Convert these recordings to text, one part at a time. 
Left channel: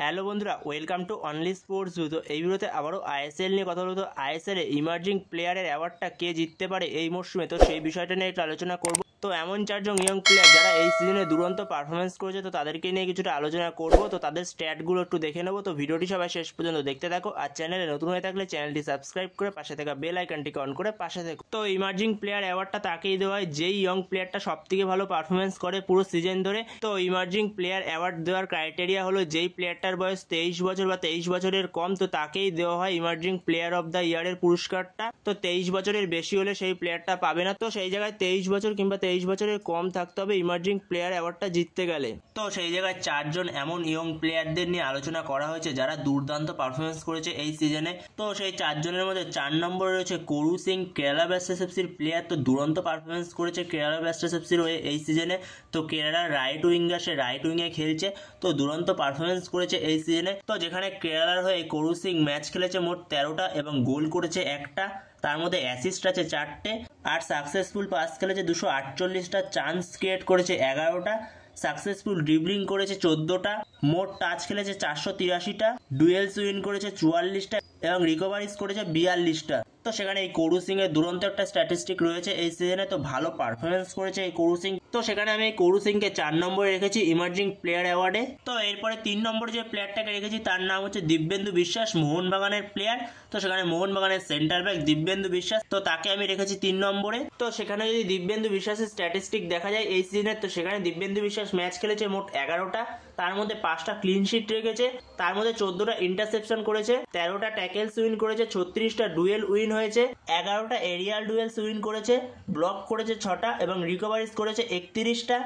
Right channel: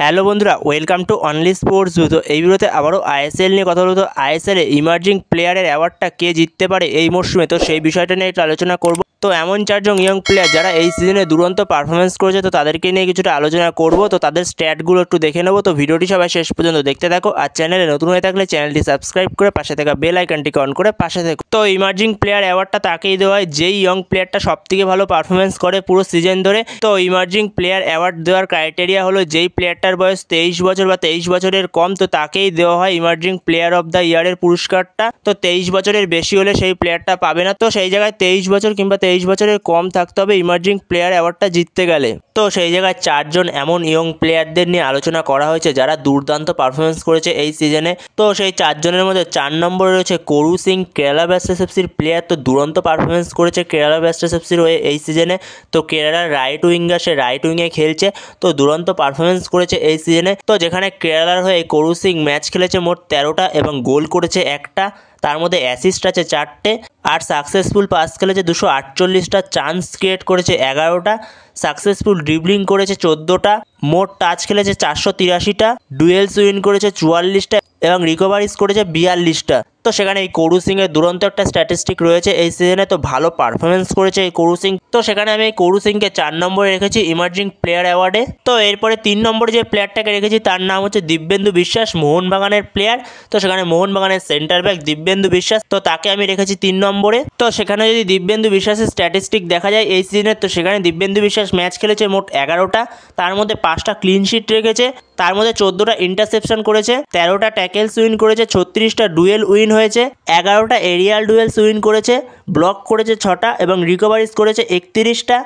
Hello বন্ধুরা, welcome to only sports view. তো এই ভিডিওতে আবারও আইএসএল নিয়ে কথা বলতো। আইএসএল ইমার্জিং প্লেয়ারের অ্যাওয়ার্ডটা কে জিততে পারে এই মরশুমে, তো সেই বিষয়টা নিয়ে একটু আলোচনা করব। তো এমন চারজন ইয়ং প্লেয়ার যারা এই সিজনে দুরন্ত পারফরমেন্স করেছে, তো তাদেরকে নিয়ে কিছুটা আলোচনা করব। তো তাদের স্ট্যাটগুলো একটু দেখে নেবো। তো ভিডিওটি সবাই শেষ পর্যন্ত দেখতে থাকো। আর চ্যানেলে নতুন হয়ে থাকলে চ্যানেলটি সাবস্ক্রাইব করে পাশে থাকা বেল আইকনটিকে অন করে পাশে থাকো। তো ইমার্জিং প্লেয়ার অ্যাওয়ার্ডটা তাকেই দেওয়া হয় যেই ইয়ং প্লেয়ারটা সবথেকে ভালো পারফরমেন্স করে পুরো সিজন ধরে। তো ইমার্জিং প্লেয়ার অ্যাওয়ার্ড দেওয়ার ক্রাইটেরিয়া হলো যেই প্লেয়ারটার বয়স 23 বছর বা 23 বছরের কম, তো তাকেই দেওয়া হয় ইমার্জিং প্লেয়ার অফ দ্য ইয়ারের পুরস্কারটা। তো 23 বছরের বেশি হলে সেই প্লেয়ারটা পাবে না। তো সেই জায়গায় 23 বছর কিংবা 23 বছরের কম থাকতে হবে ইমার্জিং প্লেয়ার অ্যাওয়ার্ডটা জিততে গেলে। তো সেই জায়গায় চারজন এমন ইয়ং প্লেয়ারদের নিয়ে আলোচনা করা হয়েছে যারা দুর্দান্ত পারফরমেন্স করেছে এই সিজনে। তো সেই চারজনের মধ্যে 4 নম্বরে রয়েছে করু সিং, কেরালা ব্লাস্টার্স এফসির প্লেয়ার। তো দুরন্ত পারফরমেন্স করেছে কেরালা ব্লাস্টার্স এফসির হয়ে এই সিজনে। তো কেরালার রাইট উইঙ্গার, সে রাইট উইংয়ে খেলছে। তো দুরন্ত পারফরমেন্স করেছে এই সিজনে। তো যেখানে কেরালার হয়ে করু সিং ম্যাচ খেলেছে মোট 13টা এবং গোল করেছে একটা, তার মধ্যে অ্যাসিস্ট আছে 4টে, আর সাকসেসফুল পাস খেলেছে 248টা, চান্স ক্রিয়েট করেছে 11টা, সাকসেসফুল ড্রিবলিং করেছে 14টা, মোট টাচ খেলেছে 483টা, ডুয়েলস উইন করেছে 44টা এবং রিকভারিজ করেছে 42টা। তো সেখানে এই করু সিংয়ের দুরন্ত একটা স্ট্যাটিস্টিক রয়েছে এই সিজনে। তো ভালো পারফরমেন্স করেছে এই করু সিং। তো সেখানে আমি এই করু সিংকে 4 নম্বরে রেখেছি ইমার্জিং প্লেয়ার অ্যাওয়ার্ডে। তো এরপরে 3 নম্বরে যে প্লেয়ারটাকে রেখেছি তার নাম হচ্ছে দিব্যেন্দু বিশ্বাস, মোহনবাগানের প্লেয়ার। তো সেখানে মোহনবাগানের সেন্টার ব্যাক দিব্যেন্দু বিশ্বাস, তো তাকে আমি রেখেছি 3 নম্বরে। তো সেখানে যদি দিব্যেন্দু বিশ্বাসের স্ট্যাটিস্টিক দেখা যায় এই সিজনের, তো সেখানে দিব্যেন্দু বিশ্বাস ম্যাচ খেলেছে মোট 11টা, তার মধ্যে 5টা ক্লিন শিট রেখেছে, তার মধ্যে 14টা ইন্টারসেপশন করেছে, 13টা ট্যাকেলস উইন করেছে, 36টা ডুয়েল উইন হয়েছে, 11টা এরিয়াল ডুয়েলস উইন করেছে, ব্লক করেছে 6টা এবং রিকভারিজ করেছে 31টা,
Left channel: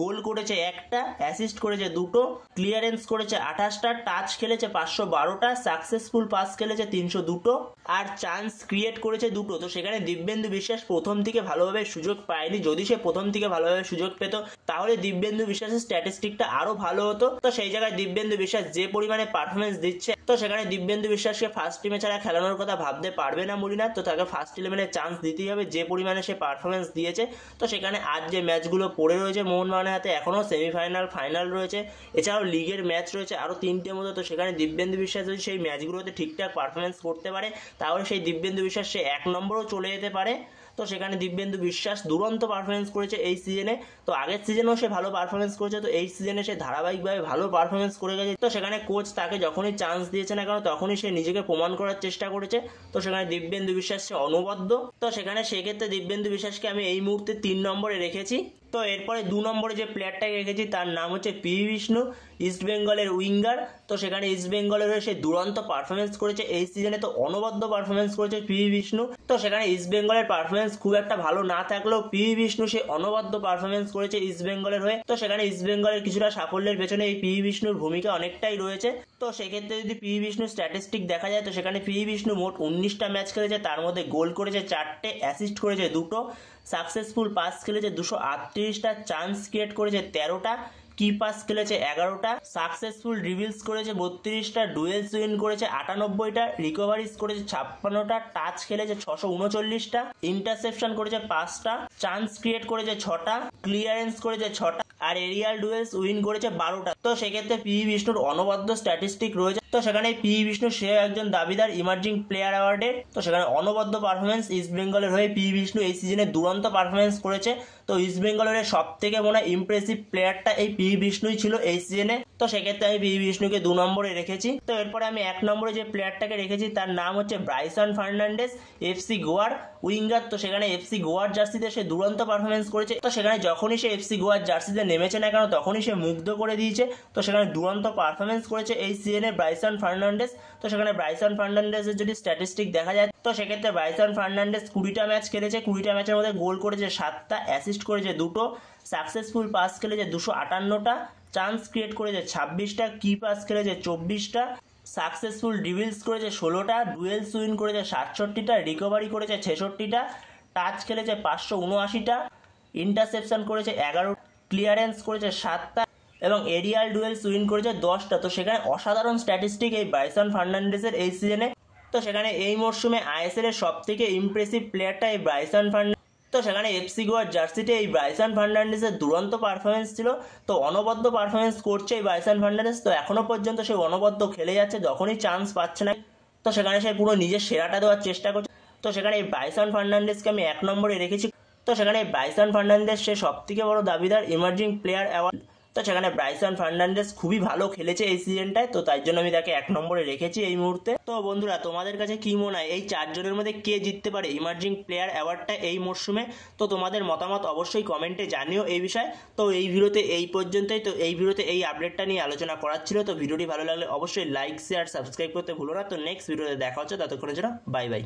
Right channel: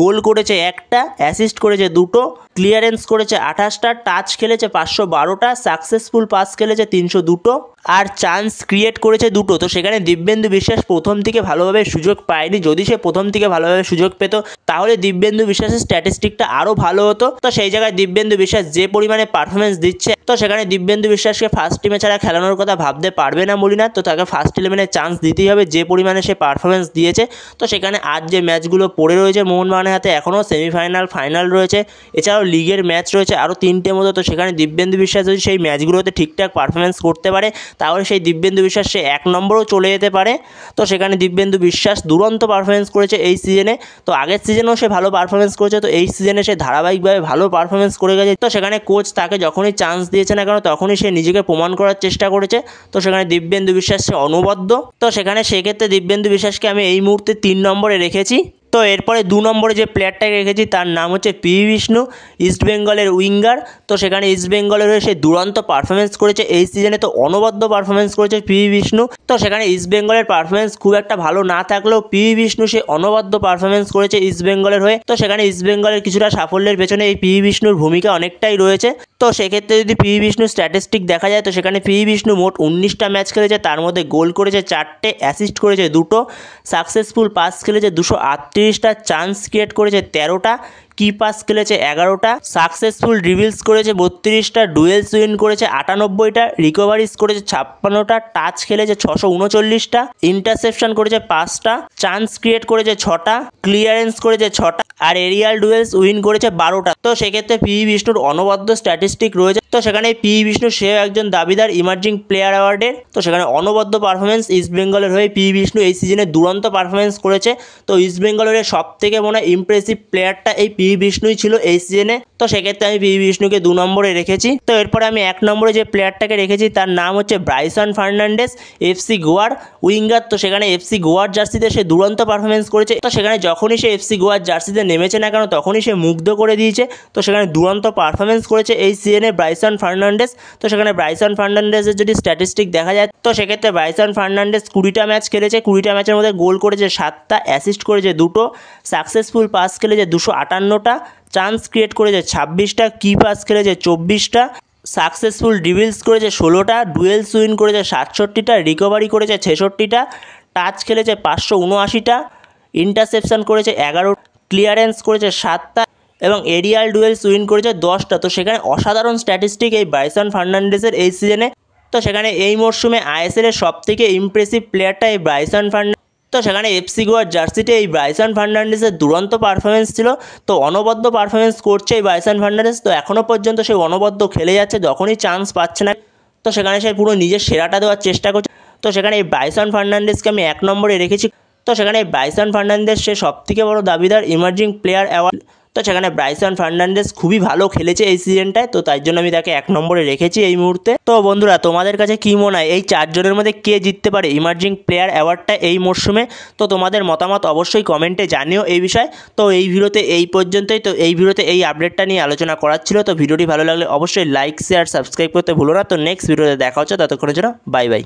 গোল করেছে একটা, অ্যাসিস্ট করেছে 2টো, ক্লিয়ারেন্স করেছে 28টা, টাচ খেলেছে 512টা, সাকসেসফুল পাস খেলেছে 302টো আর চান্স ক্রিয়েট করেছে 2টো। তো সেখানে দিব্যেন্দু বিশ্বাস প্রথম থেকে ভালোভাবে সুযোগ পায়নি। যদি সে প্রথম থেকে ভালোভাবে সুযোগ পেত তাহলে দিব্যেন্দু বিশ্বাসের স্ট্যাটিস্টিকটা আরও ভালো হতো। তো সেই জায়গায় দিব্যেন্দু বিশ্বাস যে পরিমাণে পারফরমেন্স দিচ্ছে, তো সেখানে দিব্যেন্দু বিশ্বাসকে ফার্স্ট টিমে ছাড়া খেলানোর কথা ভাবতে পারবে না মলিনাথ। তো তাকে ফার্স্ট ইলেভেনে চান্স দিতেই হবে যে পরিমাণে সে পারফরমেন্স দিয়েছে। তো সেখানে আজ যে ম্যাচগুলো পড়ে রয়েছে মোহনবাগানের হাতে, এখনও সেমিফাইনাল ফাইনাল রয়েছে, এছাড়াও লিগের ম্যাচ রয়েছে আরও 3টে মতো। তো সেখানে দিব্যেন্দু বিশ্বাস যদি সেই ম্যাচগুলোতে ঠিকঠাক পারফরমেন্স করতে পারে তাহলে সেই দিব্যেন্দু বিশ্বাস সে 1 নম্বরেও চলে যেতে পারে। তো সেখানে দিব্যেন্দু বিশ্বাস দুরন্ত পারফরমেন্স করেছে এই সিজনে। তো আগের সিজনেও সে ভালো পারফরমেন্স করেছে, তো এই সিজনে সে ধারাবাহিকভাবে ভালো পারফরমেন্স করে গেছে। তো সেখানে কোচ তাকে যখনই চান্স দিয়েছে না কেন তখনই সে নিজেকে প্রমাণ করার চেষ্টা করেছে। তো সেখানে দিব্যেন্দু বিশ্বাস সে অনবদ্য। তো সেখানে সেক্ষেত্রে দিব্যেন্দু বিশ্বাসকে আমি এই মুহূর্তে 3 নম্বরে রেখেছি। তো এরপরে 2 নম্বরে যে প্লেয়ারটাকে রেখেছি তার নাম হচ্ছে পিভি বিষ্ণু, ইস্টবেঙ্গলের উইঙ্গার। তো সেখানে ইস্টবেঙ্গলের হয়ে সে দুরন্ত পারফরমেন্স করেছে এই সিজনে। তো অনবদ্য পারফরমেন্স করেছে পিভি বিষ্ণু। তো সেখানে ইস্টবেঙ্গলের পারফরমেন্স খুব একটা ভালো না থাকলেও পিভি বিষ্ণু সে অনবদ্য পারফরমেন্স করেছে ইস্টবেঙ্গলের হয়ে। তো সেখানে ইস্টবেঙ্গলের কিছুটা সাফল্যের পেছনে এই পিভি বিষ্ণুর ভূমিকা অনেকটাই রয়েছে। তো সেক্ষেত্রে যদি পিভি বিষ্ণুর স্ট্যাটিস্টিক দেখা যায়, তো সেখানে পিভি বিষ্ণু মোট 19টা ম্যাচ খেলেছে, তার মধ্যে গোল করেছে 4টে, অ্যাসিস্ট করেছে 2টো, সাকসেসফুল পাস খেলেছে 238টা, চান্স ক্রিয়েট করেছে 13টা, কি পাস খেলেছে 11টা, সাকসেসফুল ড্রিবলস করেছে 32টা, ডুয়েলস উইন করেছে 98টা, রিকভারিজ করেছে 56টা, টাচ খেলেছে 639টা, ইন্টারসেপশন করেছে 5টা, চান্স ক্রিয়েট করেছে 6টা, ক্লিয়ারেন্স করেছে 6টা আর এরিয়াল ডুয়েলস উইন করেছে 12টা। তো সেক্ষেত্রে পিভি বিষ্ণুর অনবদ্য স্ট্যাটিস্টিক রয়েছে। তো সেখানে পিভি বিষ্ণু সে একজন দাবিদার ইমার্জিং প্লেয়ার অ্যাওয়ার্ডের। তো সেখানে অনবদ্য পারফরমেন্স ইস্টবেঙ্গলের হয়ে পিভি বিষ্ণু এই সিজনে দুরন্ত পারফরমেন্স করেছে। তো ইস্টবেঙ্গলের সব থেকে মনে হয় ইমপ্রেসিভ প্লেয়ারটা এই পিভি বিষ্ণুই ছিল এই সিজনে। তো সেক্ষেত্রে আমি পিভি বিষ্ণুকে 2 নম্বরে রেখেছি। তো এরপরে আমি 1 নম্বরে যে প্লেয়ারটাকে রেখেছি তার নাম হচ্ছে ব্রাইসন ফার্নান্ডেস, এফসি গোয়ার উইঙ্গার। তো সেখানে এফসি গোয়ার জার্সিতে সে দুরন্ত পারফরমেন্স করেছে। তো সেখানে যখনই সে এফসি গোয়ার জার্সিতে নেমেছে না কেন তখনই সে মুগ্ধ করে দিয়েছে। তো সেখানে দুরন্ত পারফরমেন্স করেছে এই সিজনে ব্রাইসন ফার্নান্ডেস। তো সেখানে ব্রাইসন ফার্নান্ডেসের যদি স্ট্যাটিস্টিক দেখা যায়, তো সেক্ষেত্রে ব্রাইসন ফার্নান্ডেস 20টা ম্যাচ খেলেছে, 20টা ম্যাচের মধ্যে গোল করেছে 7টা, অ্যাসিস্ট করেছে 2টো, সাকসেসফুল পাস খেলেছে 258টা, চান্স ক্রিয়েট করেছে 26টা, কি পাস খেলেছে 24টা, সাকসেসফুল ড্রিবলস করেছে 16টা, ডুয়েলস উইন করেছে 67টা, রিকভারি করেছে 66টা, টাচ খেলেছে 579টা, ইন্টারসেপশন করেছে 11, ক্লিয়ারেন্স করেছে 7টা এবং এরিয়াল ডুয়েলস উইন করেছে 10টা। তো সেখানে অসাধারণ স্ট্যাটিস্টিক এই ব্রাইসন ফার্নান্ডেসের এই সিজনে। তো সেখানে এই মরশুমে আইএসএল এর সবথেকে ইমপ্রেসিভ প্লেয়ারটা এই ব্রাইসন ফার্নান্ডেস। তো সেখানে এফসি গোয়ার জার্সিতে এই ব্রাইসন ফার্নান্ডেসের দুরন্ত পারফরমেন্স ছিল। তো অনবদ্য পারফরমেন্স করছে এই ব্রাইসন ফার্নান্ডেস, তো এখনও পর্যন্ত সে অনবদ্য খেলে যাচ্ছে, যখনই চান্স পাচ্ছে না তো সেখানে সে পুরো নিজের সেরাটা দেওয়ার চেষ্টা করছে। তো সেখানে এই ব্রাইসন ফার্নান্ডেসকে আমি 1 নম্বরে রেখেছি। তো সেখানে এই ব্রাইসন ফার্নান্ডেস সে সবথেকে বড় দাবিদার ইমার্জিং প্লেয়ার অ্যাওয়ার্ড। তো সেখানে ব্রাইসন ফার্নান্ডেস খুবই ভালো খেলেছে এই সিজনটায়, তো তাই জন্য আমি তাকে 1 নম্বরে রেখেছি এই মুহূর্তে। তো বন্ধুরা, তোমাদের কাছে কী মনে হয় এই 4 জনের মধ্যে কে জিততে পারে ইমার্জিং প্লেয়ার অ্যাওয়ার্ডটা এই মরশুমে? তো তোমাদের মতামত অবশ্যই কমেন্টে জানিও এই বিষয়ে। তো এই ভিডিওতে এই পর্যন্তই। তো এই ভিডিওতে এই আপডেটটা নিয়ে আলোচনা করার ছিল। তো ভিডিওটি ভালো লাগলে অবশ্যই লাইক শেয়ার সাবস্ক্রাইব করতে ভুলো না। তো নেক্সট ভিডিওতে দেখা হচ্ছে, ততক্ষণের জন্য বাই বাই।